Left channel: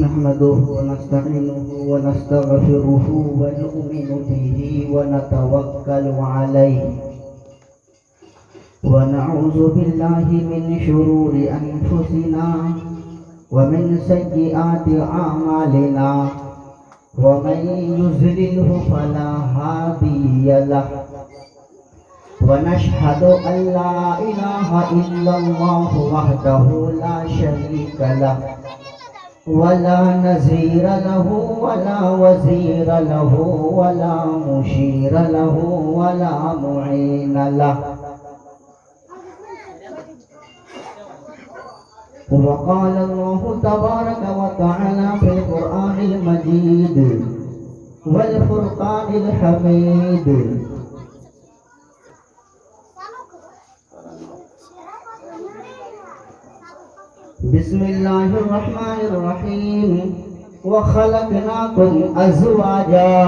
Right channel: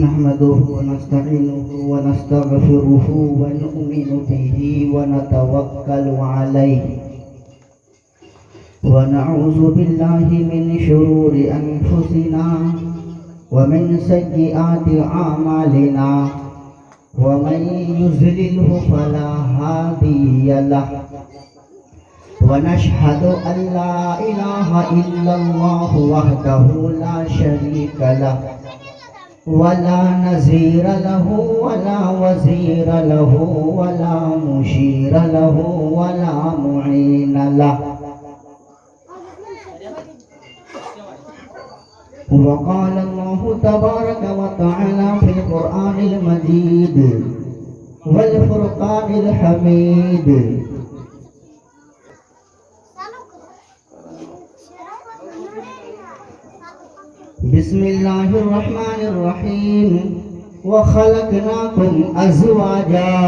نحمده ونستعينه ونستغفره ونؤمن به ونتوكل عليه ونعوذ بالله من شرور أنفسنا ومن سيئات أعمالنا ومن يضلله فلا هادي له ونشهد أن لا إله إلا الله وحده لا شريك له ولا نظير له ولا وزير له ولا مشير له ولا معين له وقال الله تبارك وتعالى في القرآن المجيد والفرقان الحميد بسم الله الرحمن الرحيم وخلقناكم أزواجا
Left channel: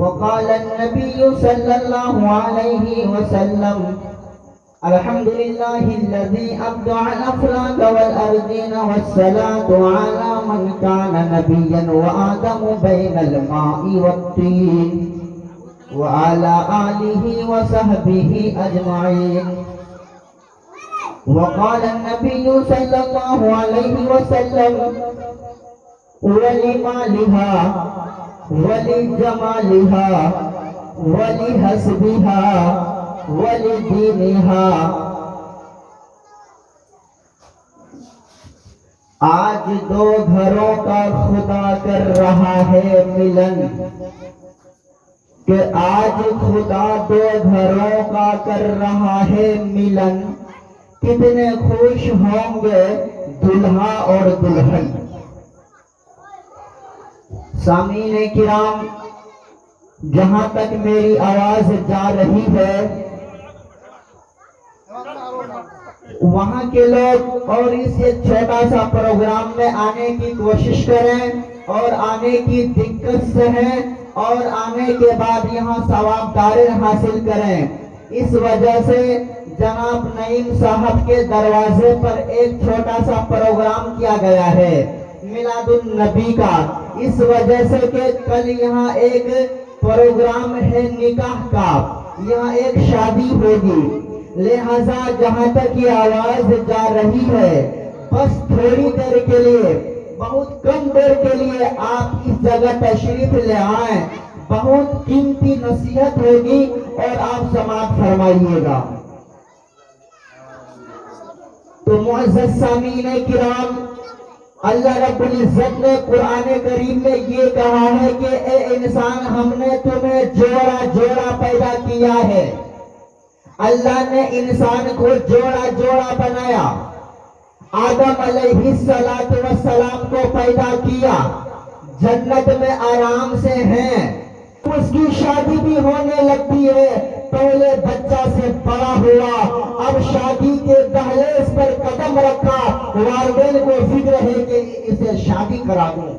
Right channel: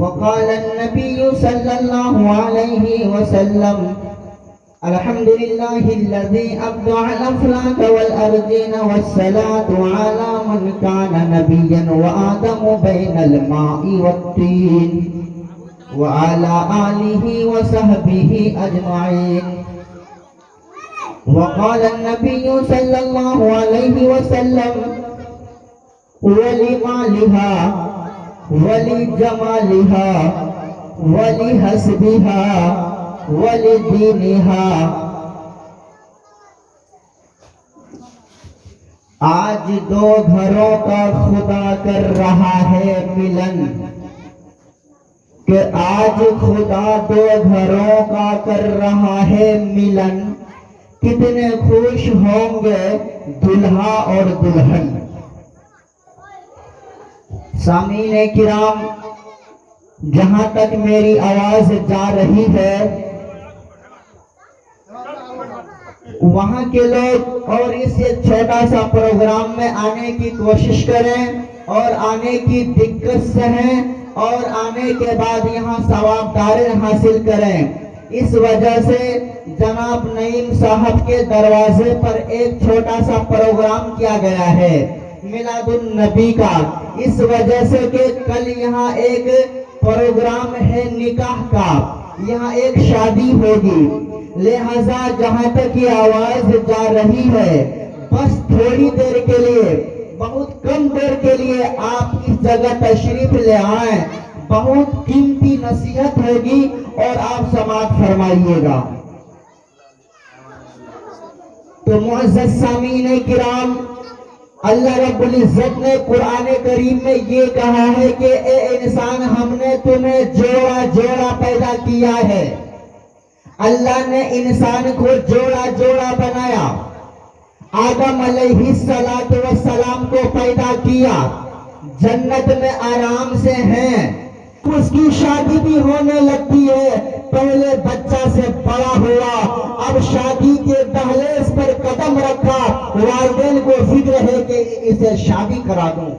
وقال النبي صلى الله عليه وسلم الحمد لله الذي أبدع الأفلاك والأرضين والصلاة على من كان نبيا وآدم بين الماء والطين وعلى آله وصحبه أجمعين وقال النبي صلى الله عليه وسلم ولمالها ولجمالها ولحسبها ولدينها آج دو گھروں کا خدا کر رہا ہے ملن کہ آج خدا دو گھروں کا کر رہا ہے ملن کتنے خوش ہوں گے دلہا اور دلہن۔ سامعین کرام، جہاں تک میری آواز جا رہی ہے وہاں کے لوگ اور اس چھوٹا سا پروگرام میں آنے کی کوشش کریں اور آنے کی دقت سہیں اور آنے کے بعد یہاں ثواب داریں حاصل کریں۔ اس وجہ سے جناب نعیم صاحب کے دروازے پر ایک چھوٹا سا پروگرام کیا گیا ہے میلاد النبی کا، اس وجہ سے کہ کل یہاں ایک پروگرام ہے نکاح کا، یہاں ایک شادی ہوگی، لہذا جہاں تک یہ آواز جا رہی ہے بس تھوڑی دیر کے لیے، بہت کم دیر کے لیے آپ اس جگہ تشریف لے آئیں، بہت قیمتی نصیحت ہوگی اور آپ سماعت فرمائیے گا۔ تو معزز سامعین کرام، اللہ رب العزت نے قرآن کریم میں یہ کہا ہے کہ اے انسان ہم نے تمہیں جوڑا جوڑا پیدا کیا ہے۔ اللہ نے انسان کو جوڑا جوڑا بنایا، آدم علیہ السلام کو پیدا کیا، جنت میں آرام سے ہیں، اس کی شادی بھی ہونے لگتی ہے، پہلے بچہ سے بڑا ہوا، اب شادی کے دہلیز پر قدم رکھا، والدین کو فکر ہے کہ اسے شادی کرا دوں،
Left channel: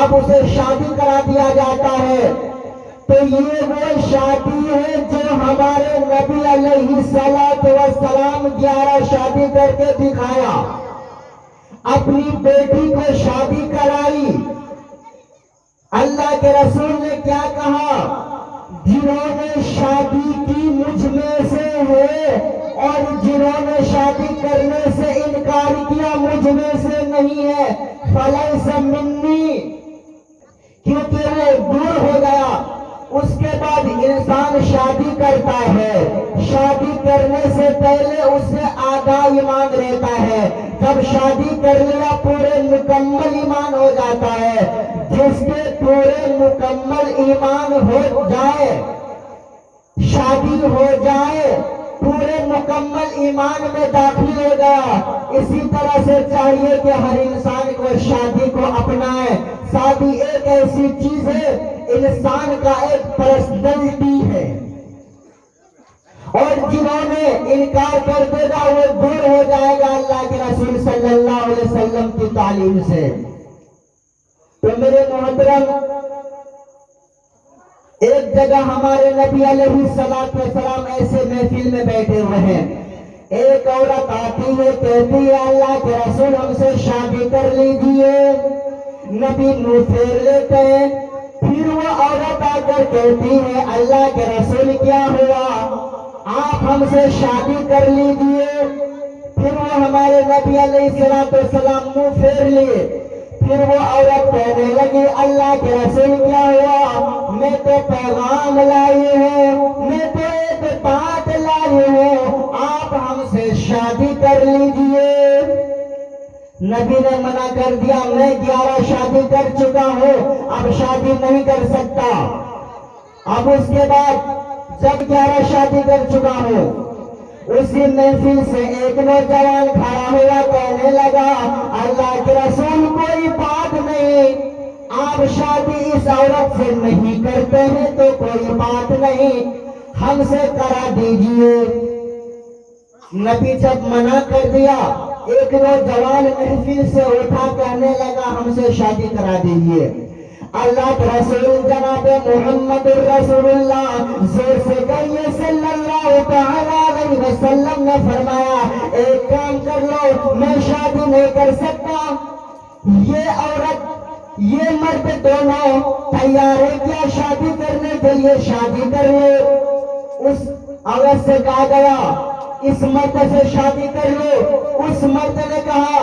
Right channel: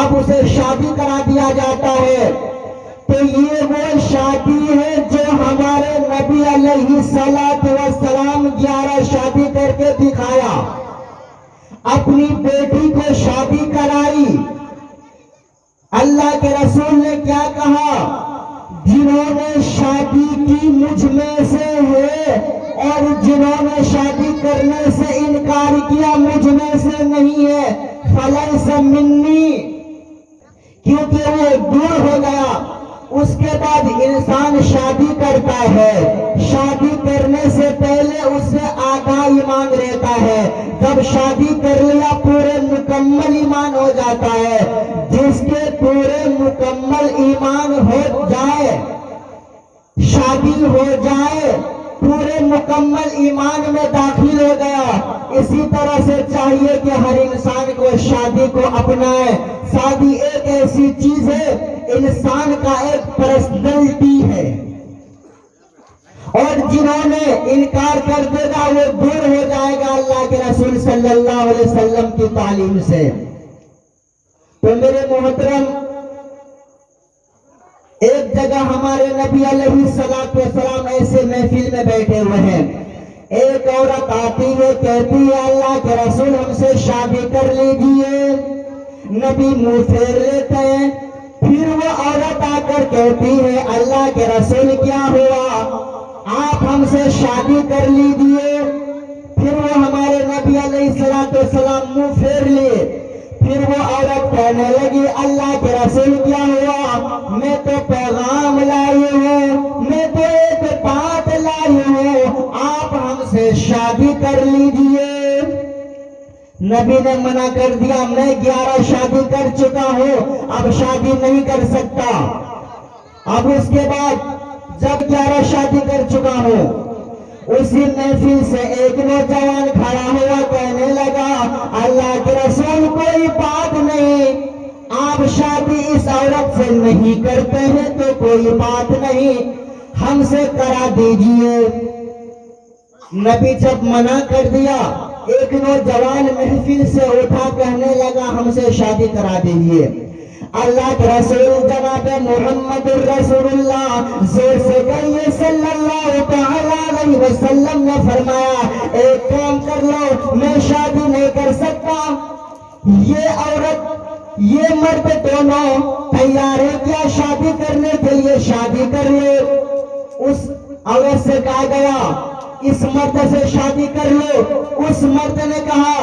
اب اسے شادی کرا دیا جاتا ہے۔ تو یہ وہ شادی ہے جو ہمارے نبی علیہ السلام 11 شادی کر کے دکھایا، اپنی بیٹی کو شادی کرائی۔ اللہ کے رسول نے کیا کہا؟ جنہوں نے شادی کی مجھ میں سے ہے اور جنہوں نے شادی کرنے سے انکار کیا مجھ میں سے نہیں ہے، فلیس منی، کیونکہ وہ دور ہو گیا۔ اس کے بعد انسان شادی کرتا ہے، شادی کرنے سے پہلے اس سے آدھا ایمان رہتا ہے، جب شادی کر لیا پورے مکمل ایمان ہو جاتا ہے۔ جس کے پورے مکمل ایمان ہو جائے، شادی ہو جائے، پورے مکمل ایمان میں داخل ہو گیا۔ اسی طرح سے چاہیے کہ ہر انسان کو شادی کو اپنائے۔ شادی ایک ایسی چیز ہے، انسان کا ایک پرسنالٹی ہے، اور جنہوں نے انکار کر دے گا وہ دور ہو جائے گا اللہ کے رسول صلی اللہ علیہ وسلم کی تعلیم سے۔ تو میرے محترم، ایک جگہ ہمارے نبی علیہ السلام ایسے محفل میں بیٹھے ہوئے ہیں ایک عورت آتی ہے کہتی ہے اللہ کے رسول ہم سے شادی کر لیجئے، نبی منہ پھیر لیتے ہیں۔ پھر وہ عورت آ کر کہتی ہے اللہ کے رسول کیا ہوا، آپ ہم سے شادی کر لیجئے۔ پھر وہ ہمارے نبی علیہ السلام منہ پھیر لیے۔ پھر وہ عورت کہنے لگی اللہ کے رسول کیا ہوا، میں تو پیغام لائی ہوں، میں تو ایک بات لائی ہوں، آپ ہم سے شادی کر لیجئے۔ نبی نے منع کر دیا، میں 11 شادی کر چکا ہوں، اب شادی نہیں کر سکتا۔ اب اس کے بعد جب 11 شادی کر چکا ہوں، اسی محفل سے ایک نوجوان کھڑا ہوا کہنے لگا اللہ کے رسول کوئی بات نہیں، آپ شادی اس عورت سے نہیں کرتے ہیں تو کوئی بات نہیں، ہم سے کرا دیجئے۔ نبی جب منع کر دیا، ایک نوجوان محفل سے اٹھا کہنے لگا ہم سے شادی کرا دیجئے۔ اللہ کے رسول جناب محمد الرسول اللہ زور سے کہیے صلی اللہ تعالی علیہ وسلم نے فرمایا ایک کام کر لو، میں شادی نہیں کر سکتا، یہ عورت یہ مرد دونوں تیار ہے کیا شادی کرنے کے لیے؟ شادی کر لو۔ اس عورت سے کہا گیا اس مرد سے شادی کر لو۔ اس مرد نے کہا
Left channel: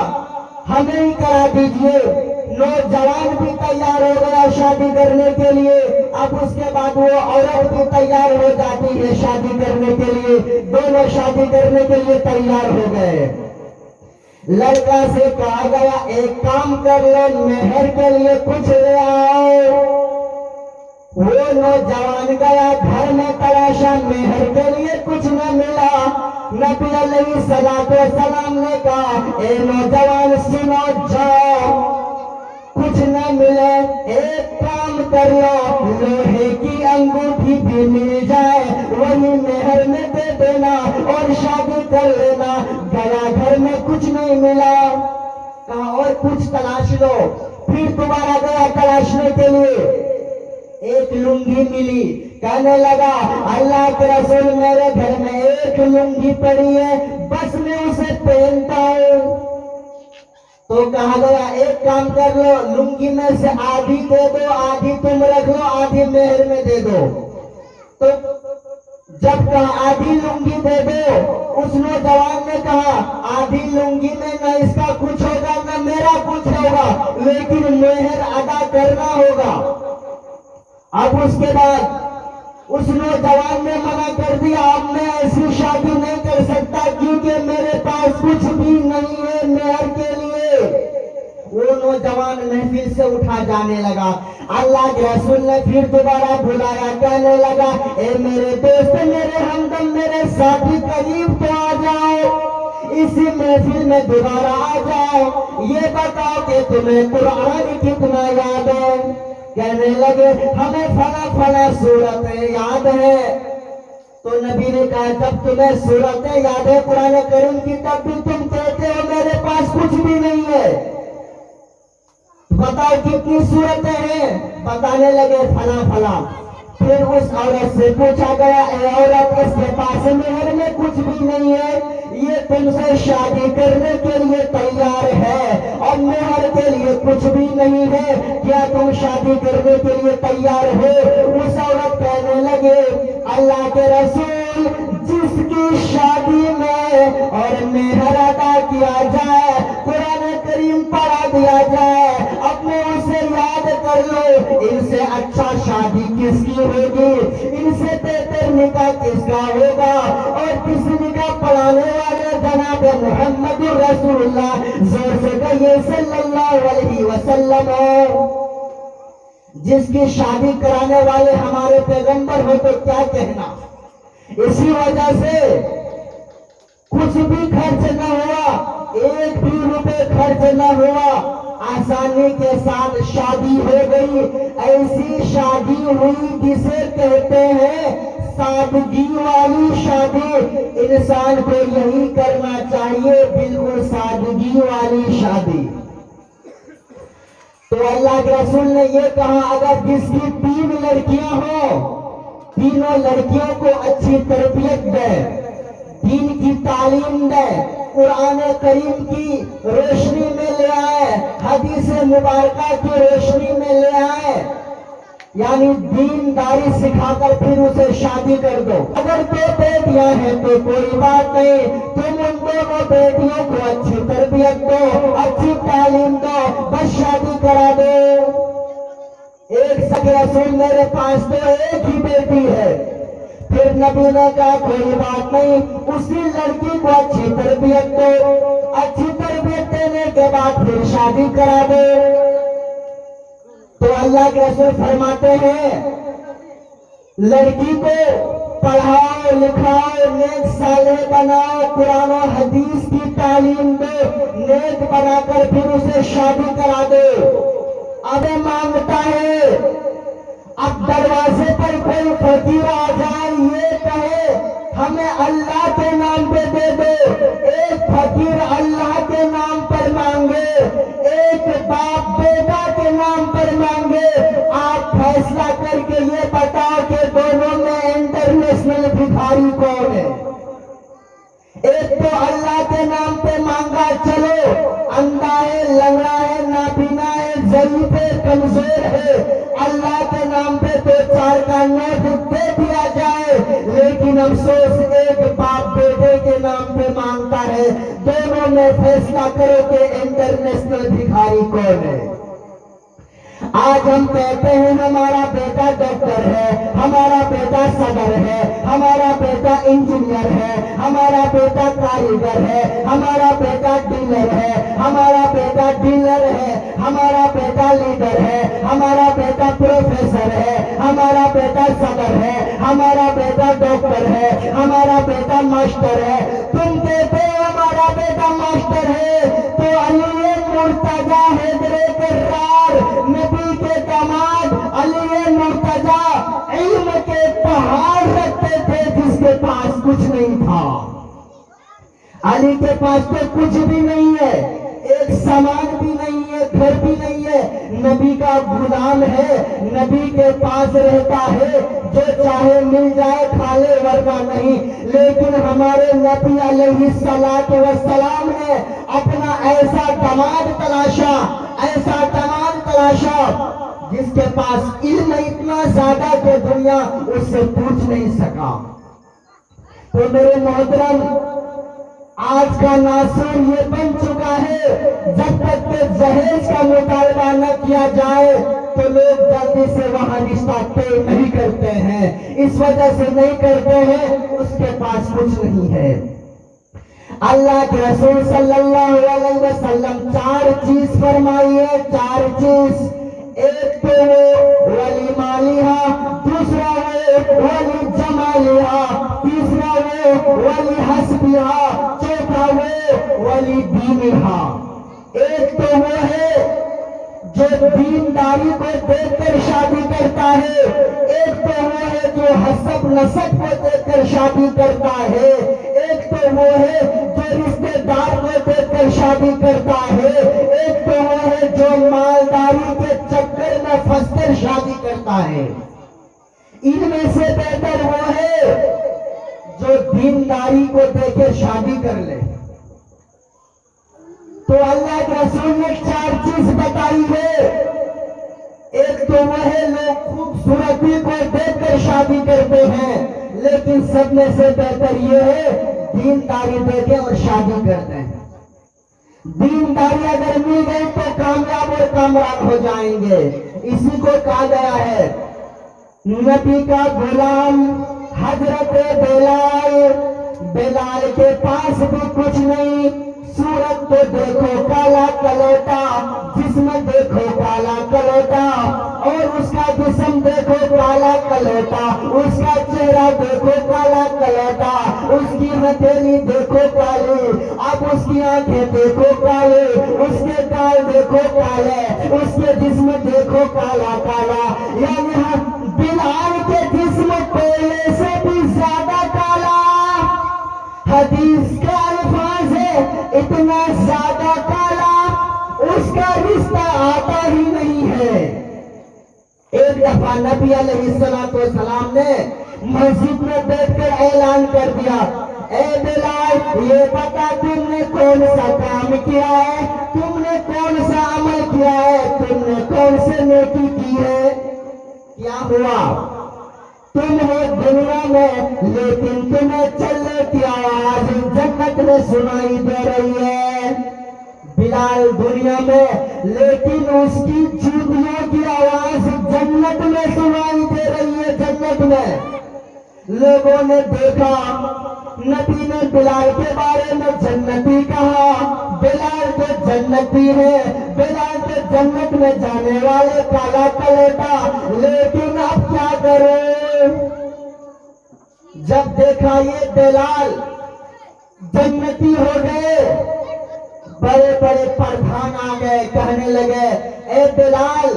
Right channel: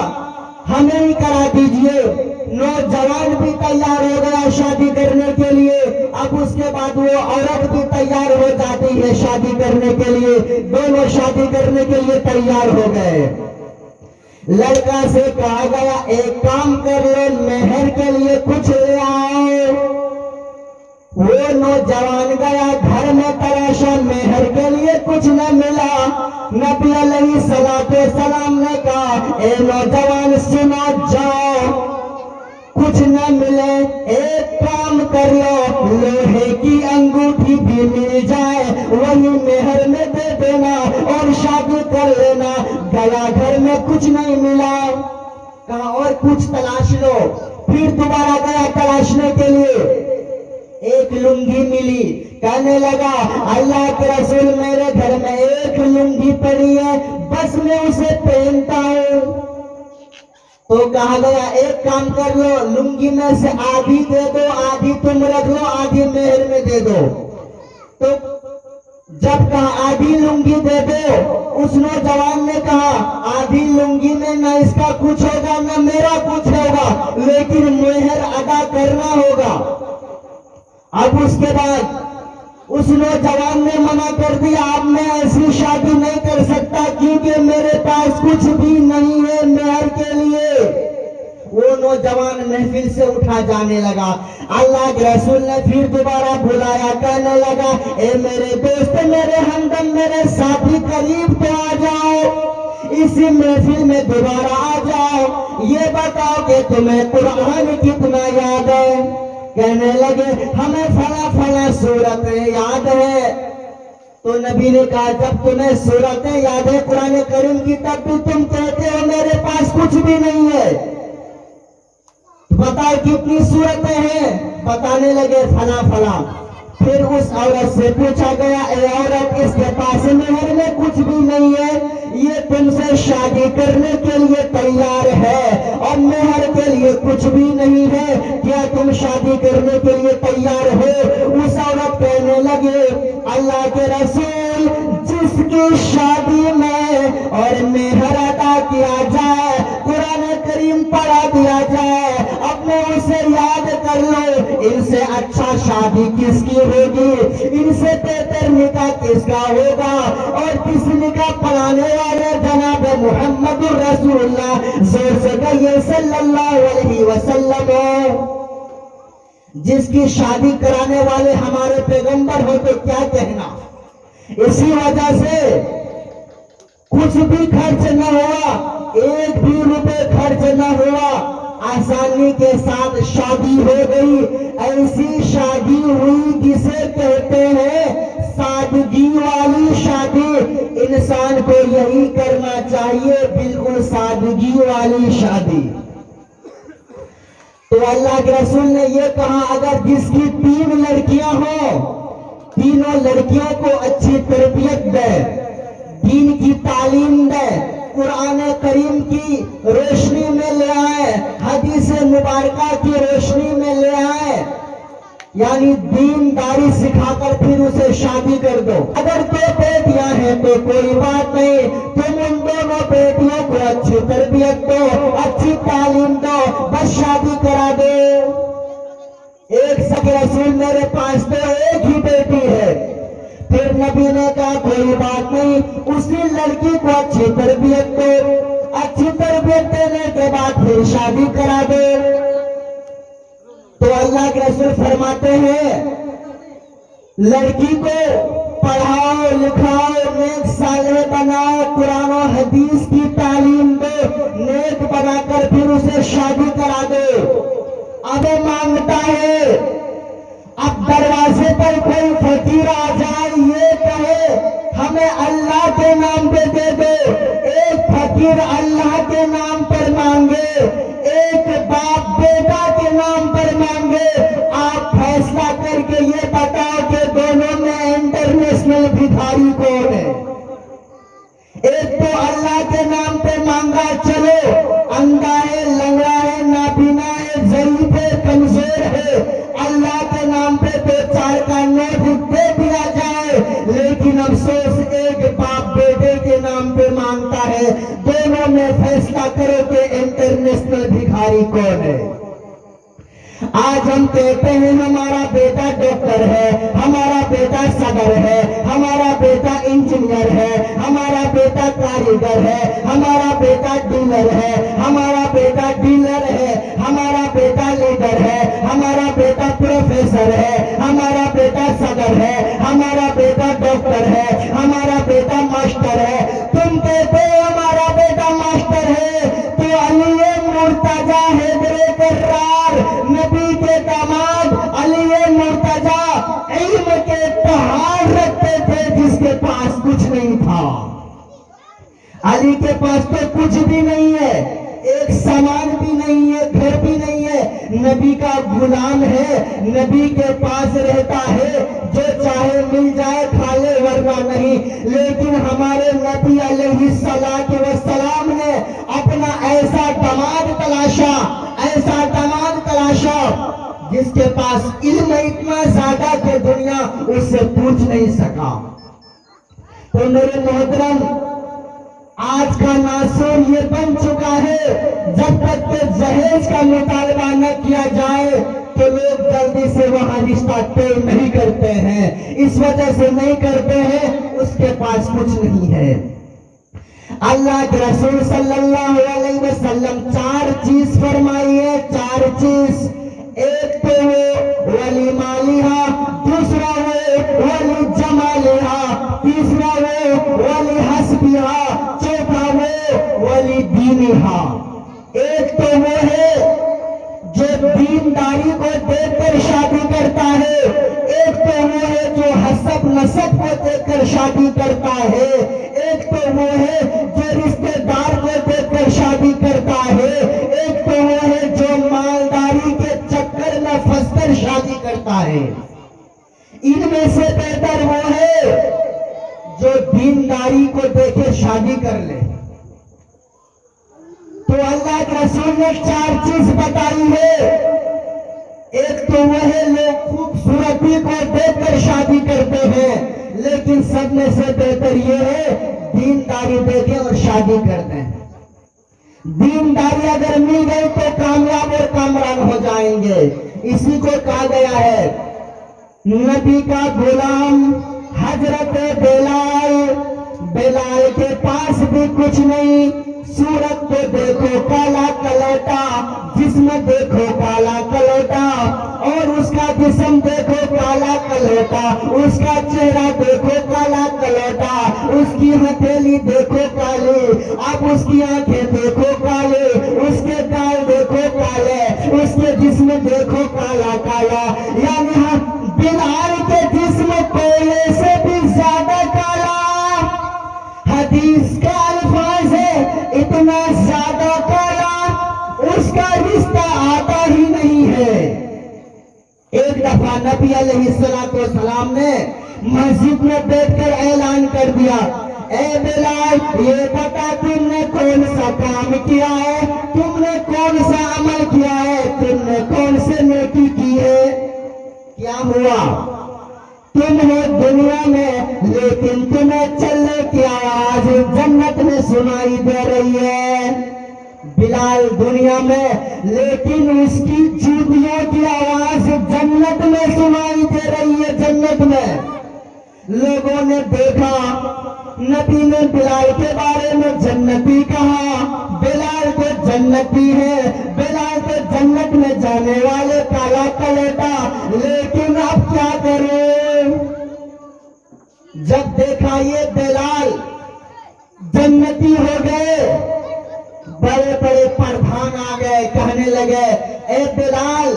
ہمیں ہی کرا دیجئے۔ نوجوان بھی تیار ہو گیا شادی کرنے کے لیے۔ اب اس کے بعد وہ عورت بھی تیار ہو جاتی ہے شادی کرنے کے لیے، دونوں شادی کرنے کے لیے تیار ہو گئے۔ لڑکا سے کہا گیا ایک کام کر لو، مہر کے لیے کچھ لے آؤ۔ وہ نوجوان گیا گھر میں تلاشا، مہر کے لیے کچھ نہ ملا۔ نبی علیہ السلام نے کہا اے نوجوان سنو، جاؤ، کچھ نہ ملے ایک کام کر لو، لوہے کی انگوٹھی بھی مل جائے وہی مہر میں دے دینا اور شادی کر لینا۔ گیا گھر میں کچھ نہیں ملا، کہا اور کچھ تلاش لو۔ پھر دوبارہ گیا تلاشنے کے لیے، ایک لنگی ملی، کہنے لگا اللہ کے رسول میرے گھر میں ایک لنگی پڑی ہے، بس میں اسے پہنتا ہوں۔ تو کہا گیا ایک کام کر لو، لنگی میں سے آدھی دے دو، آدھی تم رکھ لو، آدھی مہر میں دے دو۔ تو جب کہا آدھی لنگی دے دو، اس نوجوان نے کہا آدھی لنگی میں نہ اس کا کچھ ہوگا نہ میرا کچھ ہوگا، لیکن مہر ادا کرنا ہوگا۔ اب اس کے بعد اس نوجوان نے منع کر دیا اب میں ایسی شادی نہیں کر سکتا کیونکہ میرے پاس کچھ بھی نہیں ہے مہر کے لیے۔ وہ نوجوان محفل سے اٹھا جانے لگا۔ اللہ کے رسول نے پھر دوبارہ بلایا، کہنے لگا اے میرے دوست، میرے ہمدم، میرے ساتھی، قریب تو آ جاؤ، اسی محفل میں دوبارہ آ جاؤ، یہ بتاؤ کہ تمہیں قرآن کتنا یاد ہے؟ کہنے لگے ہمیں فلاں فلاں سورتیں یاد ہے۔ تو نبی نے کہا جب تمہیں سورتیں یاد ہے قرآن کریم کی، تب بھی تم کہتے ہو میرے پاس کچھ بھی نہیں ہے، بتاؤ کتنی سورتیں ہیں؟ بتانے لگے فلاں فلاں۔ پھر اس عورت سے پوچھا گیا اے عورت، اس کے پاس مہر میں کچھ بھی نہیں ہے، یہ تم سے شادی کرنے کے لیے تیار ہے اور مہر کے لیے کچھ بھی نہیں ہے، کیا تم شادی کرنے کے لیے تیار ہو؟ اس عورت کہنے لگے اللہ کے رسول، جس کی شادی میں اور مہر ادا کیا جائے، قرآن کریم پڑھا دیا جائے، اپنے اسے یاد کر لو، ان سے اچھا شادی کس کی ہوگی، ان سے بہتر نکاح کس کا ہوگا؟ اور کس نکاح پڑھانے والے جناب محمد رسول اللہ زور سے کہیے صلی اللہ علیہ وسلم، جس کی شادی کرانے والے ہمارے پیغمبر ہو تو کیا کہنا۔ اسی وجہ سے کچھ بھی خرچ نہ ہوا، ایک بھی روپے خرچ نہ ہوا، آسانی کے ساتھ شادی ہو گئی۔ ایسی شادی ہوئی جسے کہتے ہیں سادگی والی شادی۔ انسان کو یہی کرنا چاہیے، بالکل سادگی والی شادی۔ تو اللہ کے رسول نے یہ کہا اگر جس کی 3 لڑکیاں ہوں، تینوں لڑکیوں کو اچھی تربیت دے، دین کی تعلیم دے، قرآن کریم کی روشنی میں لے آئے، حدیث مبارکہ کی روشنی میں لے آئے، یعنی دینداری سکھا کر پھر اسے شادی کر دو۔ اگر دو بیٹیاں ہیں تو کوئی بات نہیں، تم ان دونوں بیٹیوں کو اچھی تربیت دو، اچھی تعلیم دو، بس شادی کرا دو۔ ایک سکے رسول میرے پاس تو ایک ہی بیٹی ہے، پھر نبی نے کہا کوئی بات نہیں، اسی لڑکی کو اچھی تربیت دو، اچھی تربیت دینے کے بعد پھر شادی کرا دو۔ تو اللہ کے رسول فرماتے ہیں لڑکی کو پڑھاؤ لکھاؤ، نیک صالح بناؤ، قرآن و حدیث کی تعلیم دو، نیک بنا کر پھر اسے شادی کرا دو۔ اب مانگتا ہے، اب دروازے پر کوئی فقیر آ جائے یہ کہے ہمیں اللہ کے نام پہ دے دو، ایک فقیر اللہ کے نام پر مانگے، ایک باپ بیٹا کے نام پر مانگے، آپ فیصلہ کر کے یہ بتاؤ کہ دونوں میں انٹرنیشنل بھکاری کون ہے؟ ایک تو اللہ کے نام پہ مانگا، چلو اندھا ہے، لنگڑا ہے، نابینا ہے، ضعیف ہے، کمزور ہے، اللہ کے نام پہ دو چار کا نوٹ دے دیا جائے، لیکن افسوس ایک باپ بیٹے کے نام پہ مانگتا ہے۔ دونوں میں فیصلہ کرو کہ انٹرنیشنل بھکاری کون ہے؟ آج ہم کہتے ہیں ہمارا بیٹا ڈاکٹر ہے، ہمارا بیٹا صدر ہے، ہمارا بیٹا انجینئر ہے، ہمارا بیٹا کاریگر ہے، ہمارا بیٹا ڈیلر ہے، ہمارا بیٹا ڈیلر ہے، ہمارا بیٹا لیڈر ہے، ہمارا بیٹا پروفیسر ہے، ہمارا بیٹا صدر ہے، ہمارا بیٹا ڈاکٹر ہے، ہمارا بیٹا ماسٹر ہے۔ تم کہتے ہو ہمارا بیٹا ماسٹر ہے تو علی مرتضی حیدر کرار نبی کے داماد علی مرتضی علم کے پہاڑ رکھتے تھے جس کے پاس کچھ نہیں تھا۔ علی کے پاس تو کچھ بھی نہیں ہے، ایک سامان بھی نہیں ہے، گھر بھی نہیں ہے، نبی کا غلام ہے، نبی کے پاس رہتا ہے، جو چاہے مل جائے کھا لے ورنہ نہیں۔ لیکن ہمارے نبی علیہ السلام نے اپنا ایسا داماد تلاشا جس کے پاس علم اتنا زیادہ کہ دنیا اس سے پوچھ نہیں سکا۔ تو میرے محترم، آج کا ناصر یہ بن چکا ہے، جب تک کہ جہیز کا مطالبہ نہ کیا جائے تو لوگ جلدی سے وہاں رشتہ طے نہیں کرتے ہیں۔ اس وجہ سے نہیں کرتے ہیں، اس کے پاس کچھ نہیں ہے۔ اللہ کے رسول صلی اللہ علیہ وسلم چار چیز فرمائیے، چار چیز۔ ایک تو وہ ولی مالیہا، دوسرا وہ ولی جمالیہا، تیسرا وہ ولی حسبیہا، چوتھا وہ ولی دینیہا۔ ایک تو وہ ہے جو دینداری کو دیکھ کر شادی کرتا ہے، ایک تو وہ ہے جو حسب نسب کو دیکھ کر شادی کرتا ہے، ایک تو وہ ہے جو رشتہ دار کو دیکھ کر شادی کرتا ہے، ایک تو وہ ہے جو مالداری کے چکر میں پھنس کر شادی کرتا ہے۔ ان میں سے بہتر وہ ہے جو دینداری کو دیکھے شادی کر لے۔ تو اللہ کے رسول نے چار چیز بتائی ہے۔ ایک تو وہ ہے لوگ خوبصورتی کو دیکھ کر شادی کرتے ہیں، لیکن سب میں سے بہتر یہ ہے دینداری دیکھیں اور شادی کرتے ہیں۔ دینداری اگر مل گئی تو کامیاب اور کامران ہو جائیں گے۔ اسی کو کہا گیا ہے نبی کا غلام حضرت بلال کے پاس بھی کچھ نہیں، صورت کو دیکھو کالا کلوٹا، جسم دیکھو کالا کلوٹا، اور اس کا جسم دیکھو کالا کلوٹا، اس کا چہرہ دیکھو کالا کلوٹا، اس کی ہتھیلی دیکھو کالی، اب اس کی آنکھیں دیکھو کالے، اس کے گال دیکھو کالے، اس کے جسم دیکھو کالا کالا۔ یعنی بلال کے جسم کوئلے سے بھی زیادہ کالا، حدیث کا الفاظ ہے اتنا زیادہ کالا، اس کا رشتہ آتا ہی نہیں ہے۔ ایک دفعہ نبی علیہ السلام نے مسجد میں بیٹھ کر اعلان کر دیا، اے بلال یہ بتا تم نے کون سا کام کیا ہے، تم نے کون سا عمل کیا ہے، تم نے کون سے نیکی کی ہے؟ کیا ہوا؟ تم ہو دنیا میں لیکن تمہیں چلنے کی آواز جنت میں سنائی دے رہی ہے۔ بلال دنیا میں لیکن اس کی جوتیوں کی آواز جنت میں سنائی دے رہی ہے۔ جنت میں لوگوں نے دیکھا، نبی نے بلال کے بارے میں جنتی کہا، بلال تو جنتی ہے، بلال تو جنت میں جانے والے کالا کلیٹا، لیکن اب کیا کریں؟ جب دیکھا یہ بلال جنتی ہو گئے، بڑے بڑے پردھان آ گئے، کہنے لگے اے بلال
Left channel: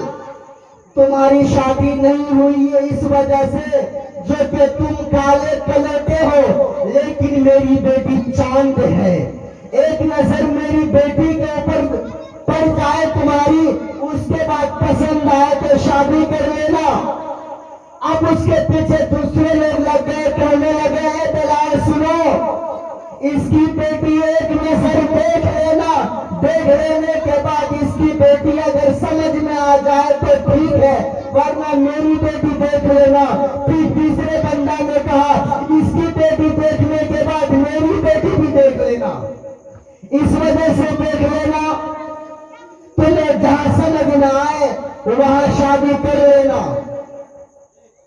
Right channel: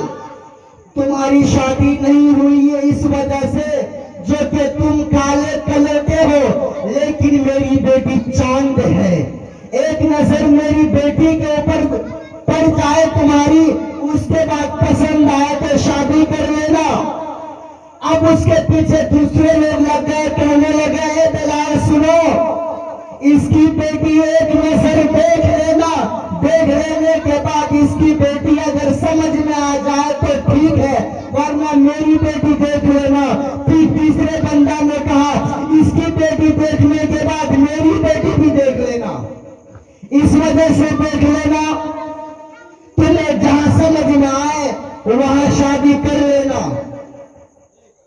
تمہاری شادی نہیں ہوئی ہے اس وجہ سے جو کہ تم کالے کلر کے ہو، لیکن میری بیٹی چاند ہے، ایک نظر میری بیٹی کے اوپر پڑ جائے تمہاری، اس کے بعد پسند آئے تو شادی کر لینا۔ اب اس کے پیچھے دوسرے لوگ لگ گئے، کہنے لگے اے بلال سنو، اس کی بیٹی ایک نظر دیکھ لینا، دیکھ لینے کے بعد اس کی بیٹی اگر سمجھ میں آ جائے تو ٹھیک ہے، ورنہ میری بیٹی دیکھ لینا۔ پھر تیسرے بندہ نے کہا اس کی بیٹی دیکھنے کے بعد میری بیٹی بھی دیکھ لینا، اس وجہ سے دیکھ لینا، تمہیں جہاں سمجھ میں آئے وہاں شادی کر لینا۔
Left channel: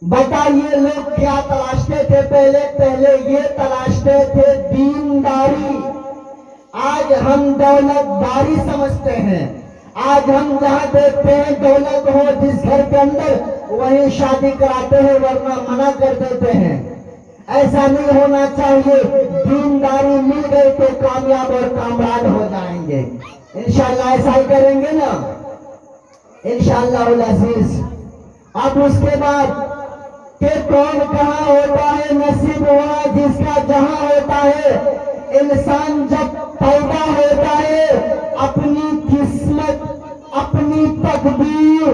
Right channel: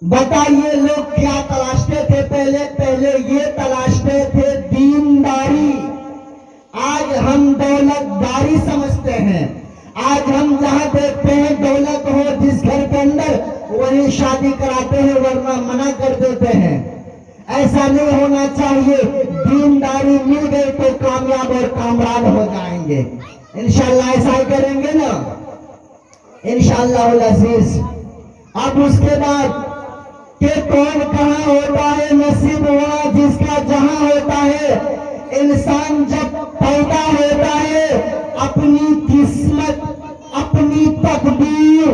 بتائیے لوگ کیا تلاشتے تھے؟ پہلے یہ تلاشتے تھے دینداری، آج ہم دولت داری سمجھتے ہیں۔ آج ہم جہاں دیکھتے ہیں دولت ہو جس گھر کے اندر وہیں شادی کراتے ہیں، ورنہ منع کر دیتے ہیں۔ ایسا نہیں ہونا چاہیے، دینداری مل گئی تو کامیاب اور کامران ہو جائیں گے، انشاءاللہ ایسا ہی کریں گے نا انشاءاللہ العزیز۔ اب اس کے بعد کہ کون کہاں ہوتا ہے، نصیب ہوا جس کا جہاں ہوتا ہے۔ انسان جب پیدا ہوتا ہے اپنی قسمت، اپنی تقدیر،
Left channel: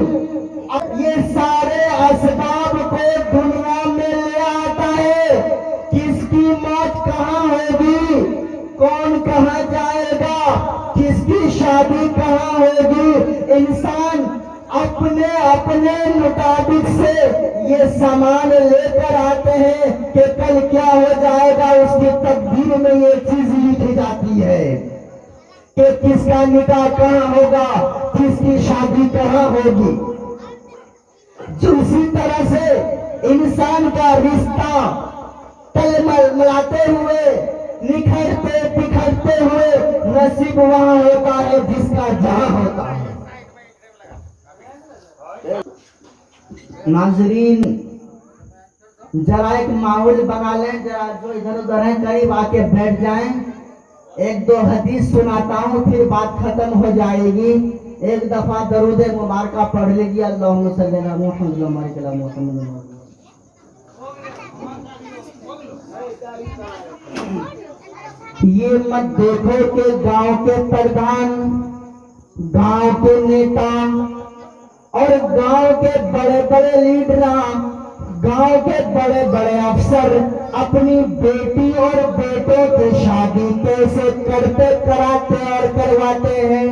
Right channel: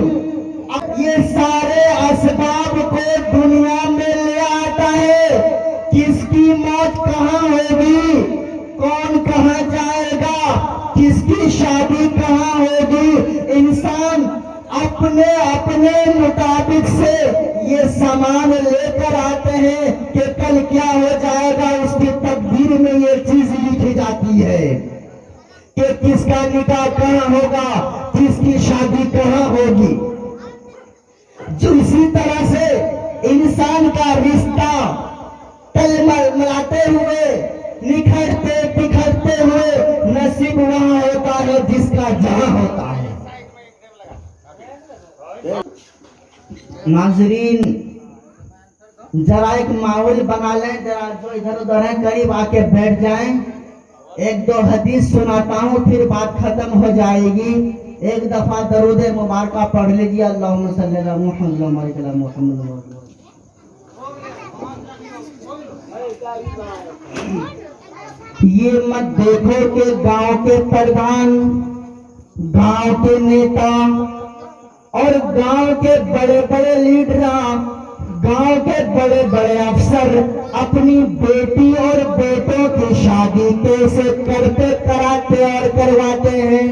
یہ سارے اسباب کو دنیا میں لے آتا ہے۔ کس کی موت کہاں ہوگی، کون کہاں جائے گا، کس کی شادی کہاں ہوگی، انسان اپنے مطابق سے یہ سامان لے کر آتے ہیں کہ کل کیا ہو جائے گا، اس کی تقدیر میں یہ چیز لکھی جاتی ہے کہ کس کا نکاح کہاں ہوگا، کس کی شادی کہاں ہوگی۔ اسی طرح سے انسان کا رشتہ تل ملاتے ہوئے، نکھرتے بکھرتے ہوئے نصیب وہاں ہوتا ہے جس کا جہاں ہوتا ہے۔ ناظرین ذرا ایک ماحول بنا لیں، ذرا جو ادھر ادھر ہیں قریب آ کے بیٹھ جائیں، ایک دو حدیث سناتا ہوں پھر بات ختم ہو جائے گی۔ ایک دفعہ درود مبارکہ پڑھ لیجیے، اللہم صلی علی محمد وبارک علی محمد۔ یہ مت دیکھو کہ گاؤں کے پردھان، گاؤں کے نیتا اور گاؤں کے بڑے بڑے لیڈراں، گاؤں کے بڑے بڑے افسر اپنی بیٹی اور بیٹوں کی شادی کیسے کرتے، کراتے اور کرواتے ہیں۔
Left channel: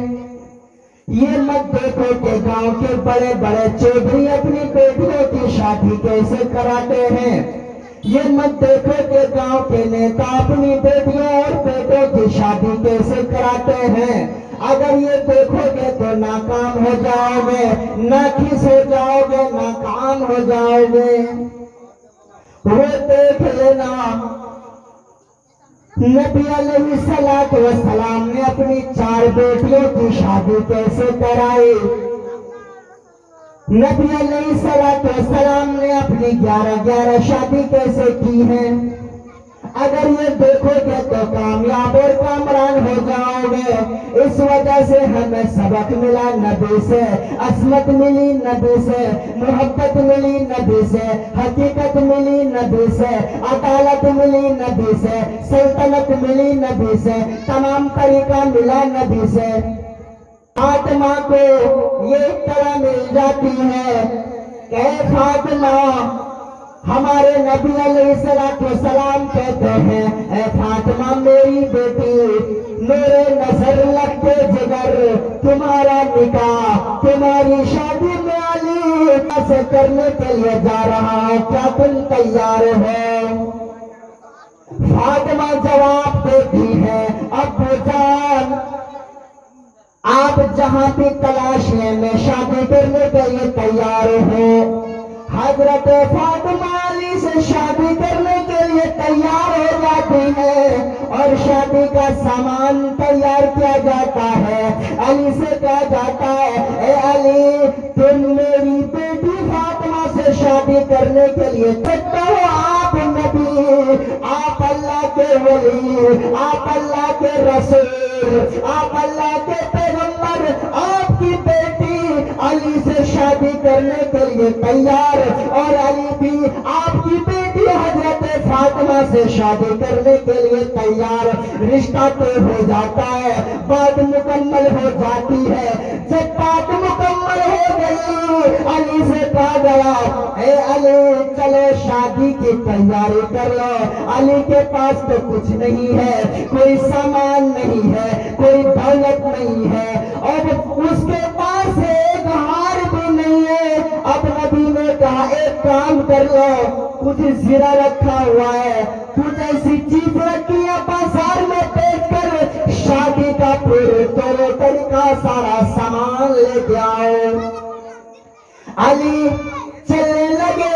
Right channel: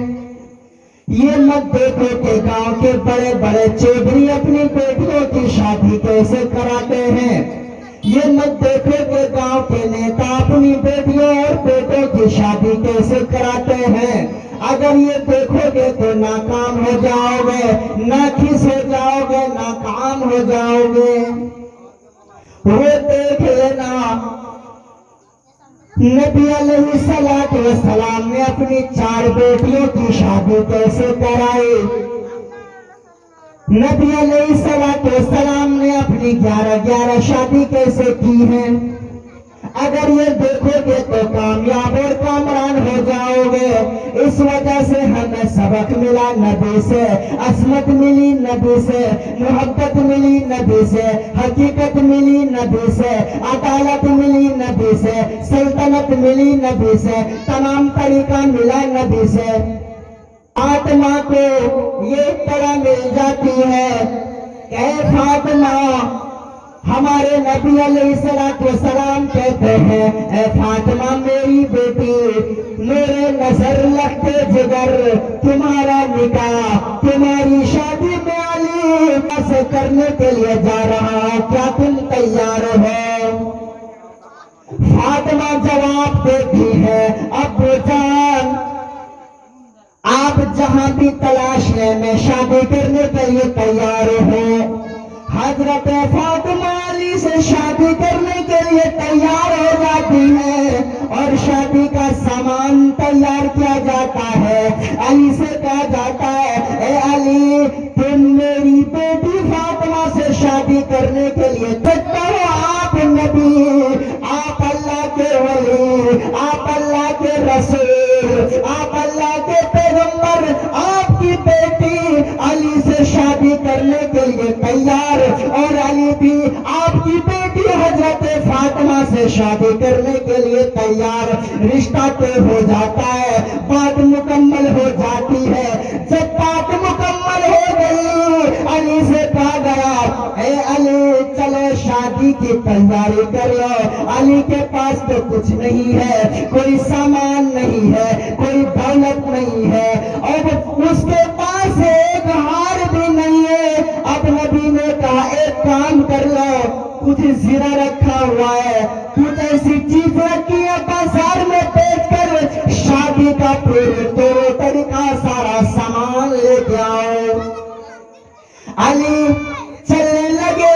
یہ مت دیکھو کہ گاؤں کے بڑے بڑے چودھری اپنی بیٹیوں کی شادی کیسے کراتے ہیں۔ یہ مت دیکھو کہ گاؤں کے نیتا اپنی بیٹیوں اور بیٹوں کی شادی کیسے کراتے ہیں۔ اگر یہ دیکھو گے تو ناکام ہو جاؤ گے، ناکس ہو جاؤ گے، ناکام ہو جاؤ گے۔ وہ دیکھ لینا نبی علیہ السلام نے اپنی 4 بیٹیوں کی شادی کیسے کرائی، نبی علیہ السلام نے اپنی 11 شادی کیسے کی ہیں۔ اگر یہ دیکھو گے تو کامیاب اور کامران ہو جاؤ گے۔ اس وجہ سے ہمیں سبق ملا نبی سے، عصمت ملی نبی سے، محبت ملی نبی سے، حقیقت ملی نبی سے، عدالت ملی نبی سے، سلطنت ملی نبی سے، تمام طریقہ ملا نبی سے۔ فاطمہ کو یہ طرح مل جاتی ہے کہ فاطمہ ہمارے نبی علیہ السلام کہتے ہیں اے فاطمہ میری بیٹی، میرے نظر لگتے جگر تمہارا نکاح، تمہاری شادی میں علی سے کرنے کے لیے جا رہا ہے، کیا تم تیار ہو؟ فاطمہ جواب دیتی ہے ابو جان آپ جہاں بھی تلاش لیں میں شادی کرنے کے لیے تیار ہوں۔ حضرت فاطمہ علی سے شادی کرنے کے لیے تیار ہو جاتی ہے اور شادی کا سامان تیار کیا جاتا ہے۔ علی سے کہا جاتا ہے اے علی تم میری بیٹی فاطمہ سے شادی کرنے کے لیے تیار ہو؟ آپ نبی، آپ اللہ کے ولی، آپ اللہ کے رسول، آپ اللہ کے پیغمبر، آپ کی بیٹی علی سے شادی کرنے کے لیے تیار، اور علی بھی آپ کی بیٹی حضرت فاطمہ سے شادی کرنے کے لیے تیار۔ رشتہ طے ہو جاتا ہے، بات مکمل ہو جاتی ہے۔ جب بات مکمل ہو گئی علی سے کہا گیا اے علی چلو شادی کی تیاری کر لو۔ علی کے پاس تو کچھ نہیں ہے، کوئی سامان نہیں ہے، کوئی دولت نہیں ہے، اور اس کے پاس ایک ہار بھی نہیں ہے۔ اب نبی نے کہا ایک کام کر لو، کچھ زیرہ رکھا ہوا ہے، کچھ ایسی چیز رکھی ہے بازار میں بیچ کر شادی کا پھر طور طریقہ سارا سامان لے کے آؤ۔ علی چلنے لگے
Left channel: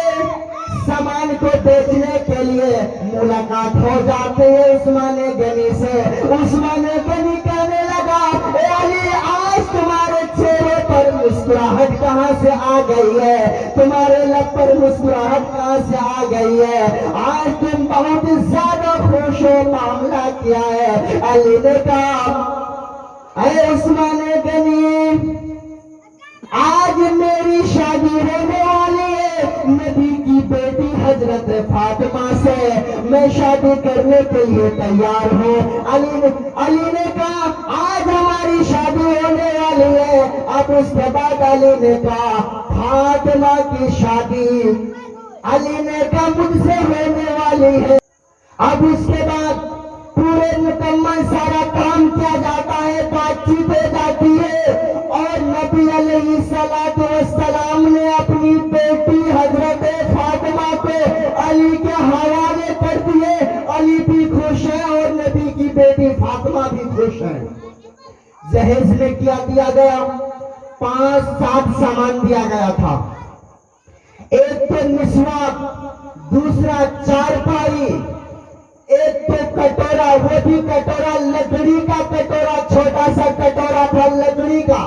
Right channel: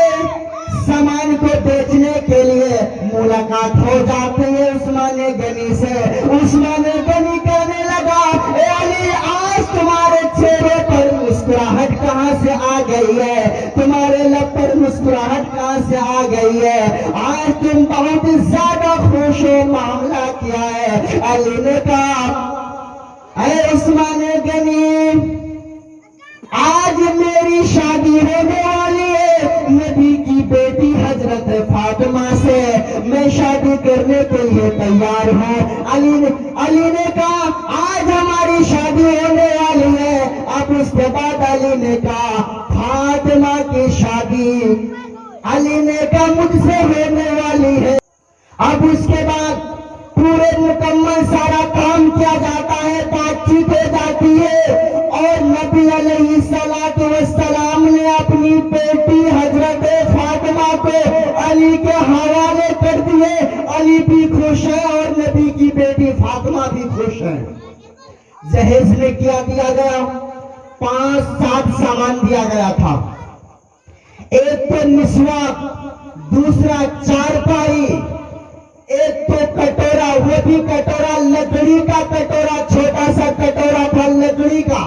سامان کو بیچنے کے لیے۔ ملاقات ہو جاتی ہے عثمان غنی سے۔ عثمان غنی کہنے لگا اے علی آج تمہارے چہرے پر مسکراہٹ کہاں سے آ گئی ہے؟ تمہارے لب پر مسکراہٹ کہاں سے آ گئی ہے؟ آج تم بہت زیادہ خوش ہو، معاملہ کیا ہے؟ علی نے کہا اے عثمان غنی آج میری شادی ہونے والی ہے نبی کی بیٹی حضرت فاطمہ سے، میں شادی کرنے کے لیے تیار ہوں۔ علی نے کہا آج ہماری شادی ہونے والی ہے۔ اب اس کے بعد علی نے کہا فاطمہ کی شادی علی نے کہا مجھ سے ہونے والی ہے۔ اب اس کے بعد پورے مکمل سارا کام کیا جاتا ہے، بات چیت ہو جاتی ہے، اور نبی علیہ السلام نے اپنی بیٹی حضرت فاطمہ کو علی کے حوالے کر دیے۔ علی بھی خوش ہے اور نبی کی بیٹی فاطمہ بھی خوش ہے۔ جہیز میں کیا دیا گیا؟ 5-7 سامان دیا گیا تھا۔ ایک تو مسواک، دوسرا چارپائی، ایک تو کٹورا، وہ بھی کٹورا لکڑی کا کٹورا، چھوٹا سا کٹورا تھا لکڑی کا۔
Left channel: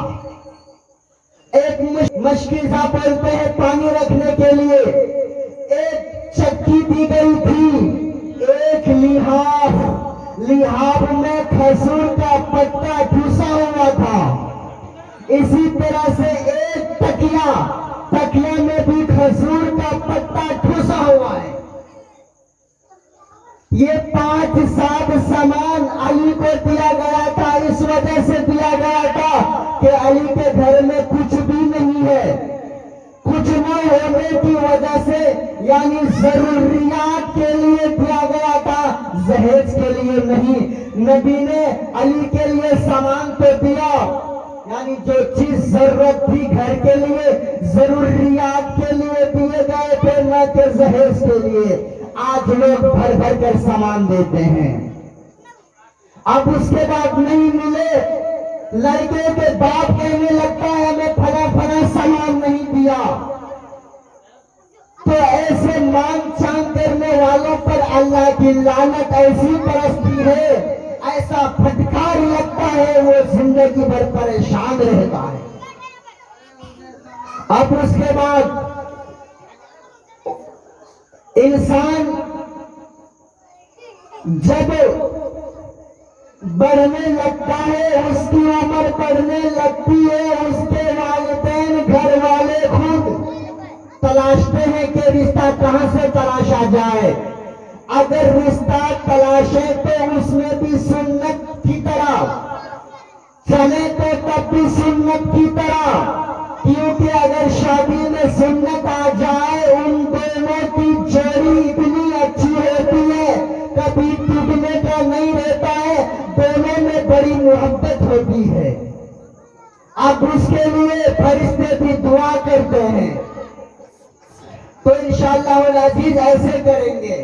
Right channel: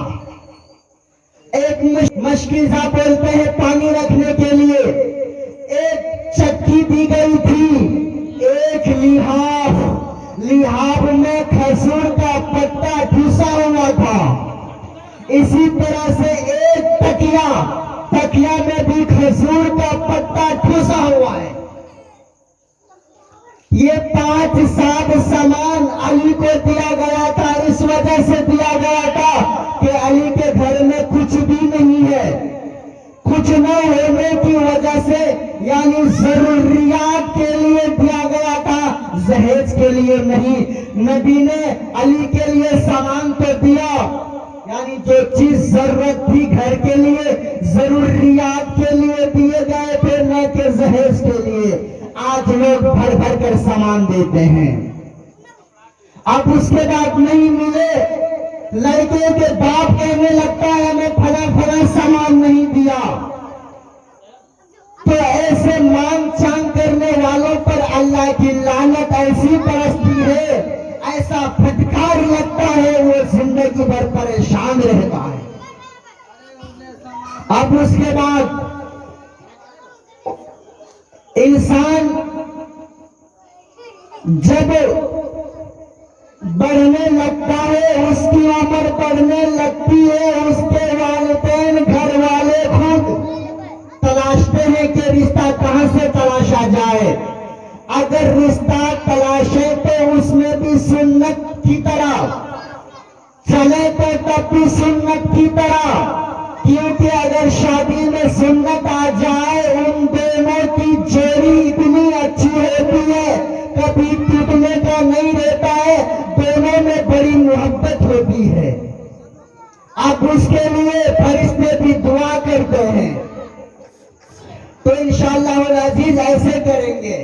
ایک مشکیزہ بولتے ہیں پانی رکھنے کے لیے، ایک چکی دی گئی تھی، ایک لحاف میں کھجور کا پتا ٹھوسا ہوا تھا۔ اسی طرح سے ایک تکیا میں بھی کھجور کا پتا ٹھوسا ہوا ہے۔ یہ 5-7 سامان علی کو دیا گیا تھا، اس وجہ سے دیا گیا تھا کہ علی کے گھر میں کچھ بھی نہیں ہے۔ کچھ نہ ہونے کی وجہ سے یعنی ضروریات کے لیے دیا گیا تھا، جہیز کے لیے نہیں۔ نبی نے علی کے لیے سامان تو دیا، یعنی جو چیز ضرورت تھی گھر کے لیے، ضروریات کے لیے دیے گئے تھے، نہ کہ جہیز کے لیے۔ آج لوگ بھر بھر کر سامان دیتے ہیں۔ اب اس کے بعد نہیں ملے، لڑکے کے باپ کہنے لگتا ہے ہمیں فلاں سامان نہیں دیا، تو ایسے مانگ چانگ کرنے والوں پر اللہ کی لعنت ایسی برستی ہے، ایسا پھٹکار لگتا ہے، وہ زندگی بھر پریشان رہتا ہے۔ اب اس کے بعد انسان جب بڑھنے لگتا ہے، اس کی عمر بڑھنے لگتی ہے، اس کے والدین گھر والے خود تلاشتے ہیں کہ رشتہ کہاں سے تلاشا جائے۔ اگر رشتہ تلاشے تو اس میں بھی سنت کی طرح چلے تو تب بھی سنت کی طرح، کیونکہ اگر شادی میں سنت آ جائے ان دونوں کی انشاءاللہ العزیز ایسے کریں گے.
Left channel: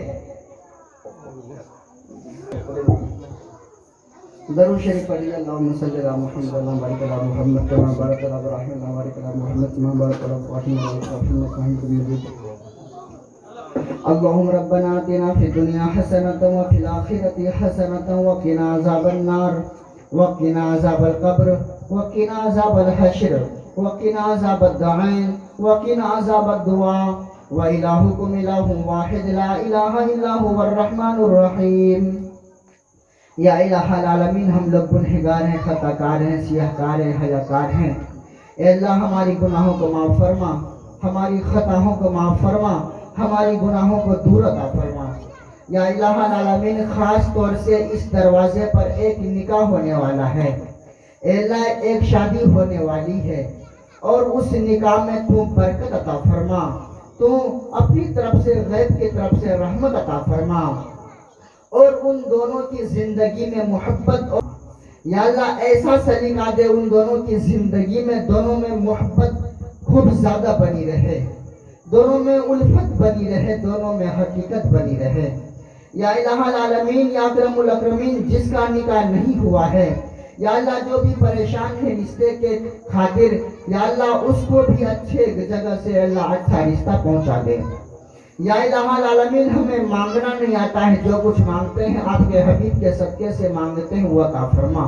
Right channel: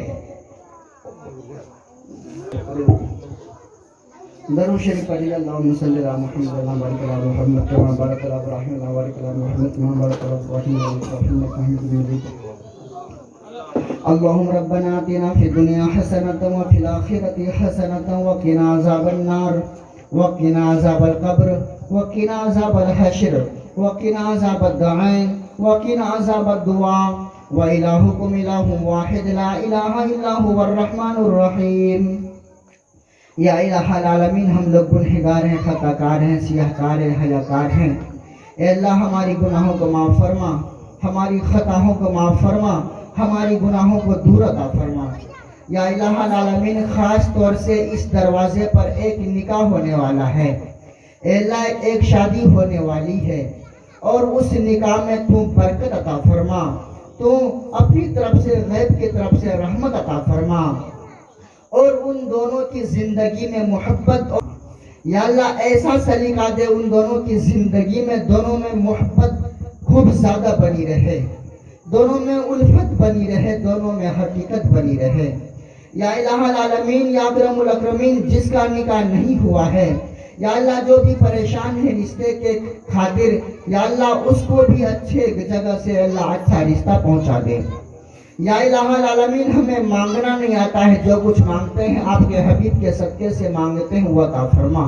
درود شریف پڑھیے. اللہم صلی علی محمد و بارک علی محمد کما بارکت علی ابراہیم و بارک علی محمد کما بارکت علی ابراہیم و بارک علی محمد حمید مجید. اللهم ربنا آتنا في الدنيا حسنة وفي الآخرة حسنة وقنا عذاب النار وقنا عذاب القبر وقنا عذاب الحشر وقنا عذاب الدعين وقنا عذاب الدعاء وإلهكم إله واحد لا إله إلا هو الرحمن الرحيم. یا الہ العالمین ہم لوگ گنہگار ہیں، خطا کار ہیں، سیاہ کار ہیں، حیا کار ہیں. اے اللہ ہماری گناہوں کو معاف فرما، ہماری خطاؤں کو معاف فرما، ہماری گناہوں کو دور عطا فرما. یا الہ العالمین خاص طور سے اس دروازے پر ایک نکاح ہونے والا ہے. اے اللہ ایک شادی ہونے والی ہے اور اس نکاح میں تو برکت عطا فرما، تو اپنی طرف سے غیب کی طرف سے رحمت عطا فرما اور ان دونوں کی زندگی میں محبت اور یا اللہ ایسا سلیقہ دے ان دونوں کی زندگی میں، دونوں میں محبت خوب زیادہ بنی رہے، دونوں میں الفت بنی رہے، دونوں میں حقیقت بنی رہے. یا الہ العالمین یا اکرم الاکرمین جس کا نکاح نہیں ہوا ہے یا اللہ جو بھی پریشان ہے رشتے کے خاطر یا اللہ اس کو بھی اچھے جگہ سے اللہ اچھا رشتہ پہنچا دے. یا الہ العالمین ہمیں مانگنا نہیں آتا ہے، جو کچھ مانگتے ہیں آپ کے حبیب کے صدقے سے مانگتے ہیں وہ عطا فرما.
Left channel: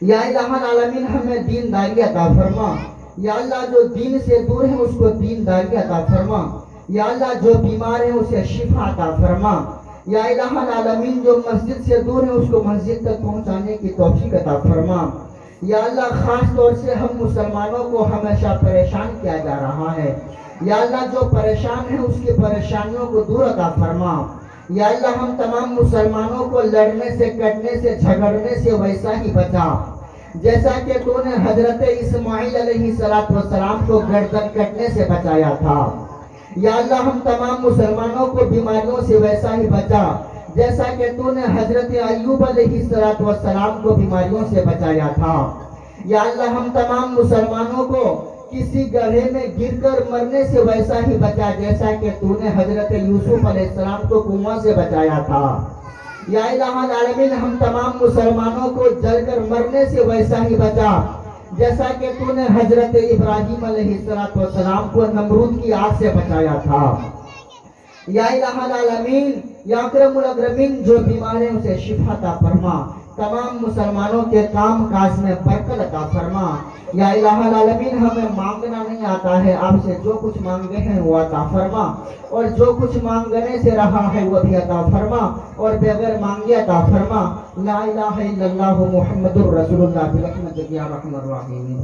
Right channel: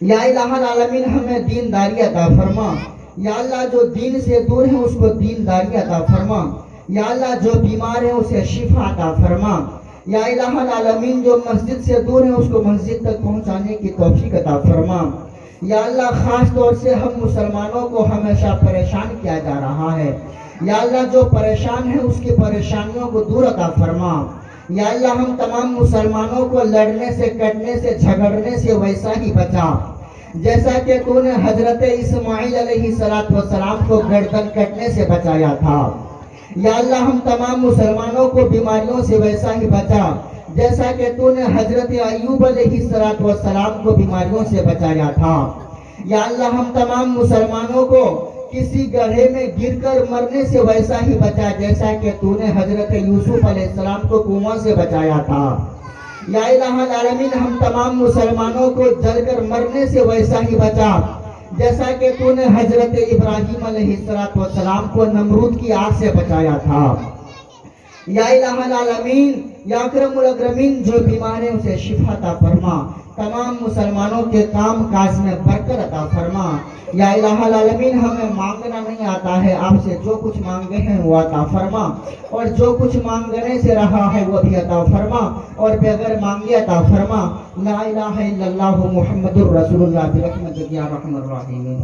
یا الہ العالمین ہمیں دینداری عطا فرما. یا اللہ جو دین سے دور ہیں اس کو دینداری عطا فرما. یا اللہ جو بیمار ہیں اسے شفا عطا فرما. یا الہ العالمین جو مسجد سے دور ہیں اس کو مسجد تک پہنچانے کی توفیق عطا فرما. یا اللہ خاص طور سے ہم مسلمانوں کو ہمیشہ پریشان کیا جا رہا ہے، یا اللہ جو پریشان ہے اس کی پریشانیوں کو دور عطا فرما. یا اللہ ہم تمام مسلمانوں کو لڑنے سے، کٹنے سے، جھگڑنے سے ویسا ہی بچا جیسا کہ تو نے حضرت اسماعیل علیہ السلام کو گردن کٹنے سے بچایا تھا. یا اللہ ہم تمام مسلمانوں کو بیماریوں سے ویسا ہی بچا جیسا کہ تو نے حضرت ایوب علیہ السلام کو بیماریوں سے بچایا تھا. یا اللہ ہم تمام مسلمانوں کو کسی گڑھے میں گر کر مرنے سے ویسا ہی بچا جیسا کہ تو نے حضرت یوسف علیہ السلام کو کنواں سے بچایا تھا. یا الہ العالمین ہم تمام مسلمانوں کو جل کر مرنے سے ویسا ہی بچا جیسا کہ تو نے حضرت ابراہیم علیہ السلام کو نمرود کی آگ سے بچایا تھا. یا الہ العالمین یا اکرم الاکرمین جو بیمار ہیں اسے شفا عطا فرما، تمام مسلمانوں کے کام کاج میں برکت عطا فرما. یا الہ العالمین ہمیں مانگنا نہیں آتا ہے، آپ سے جو کچھ مانگے ہیں وہ عطا فرما اور جو کچھ مانگنے سے رہا ہے وہ بھی عطا فرما اور بغیر مانگے عطا فرما. لا الہ الا اللہ محمد الرسول اللہ برحمتک یا ارحم الراحمین.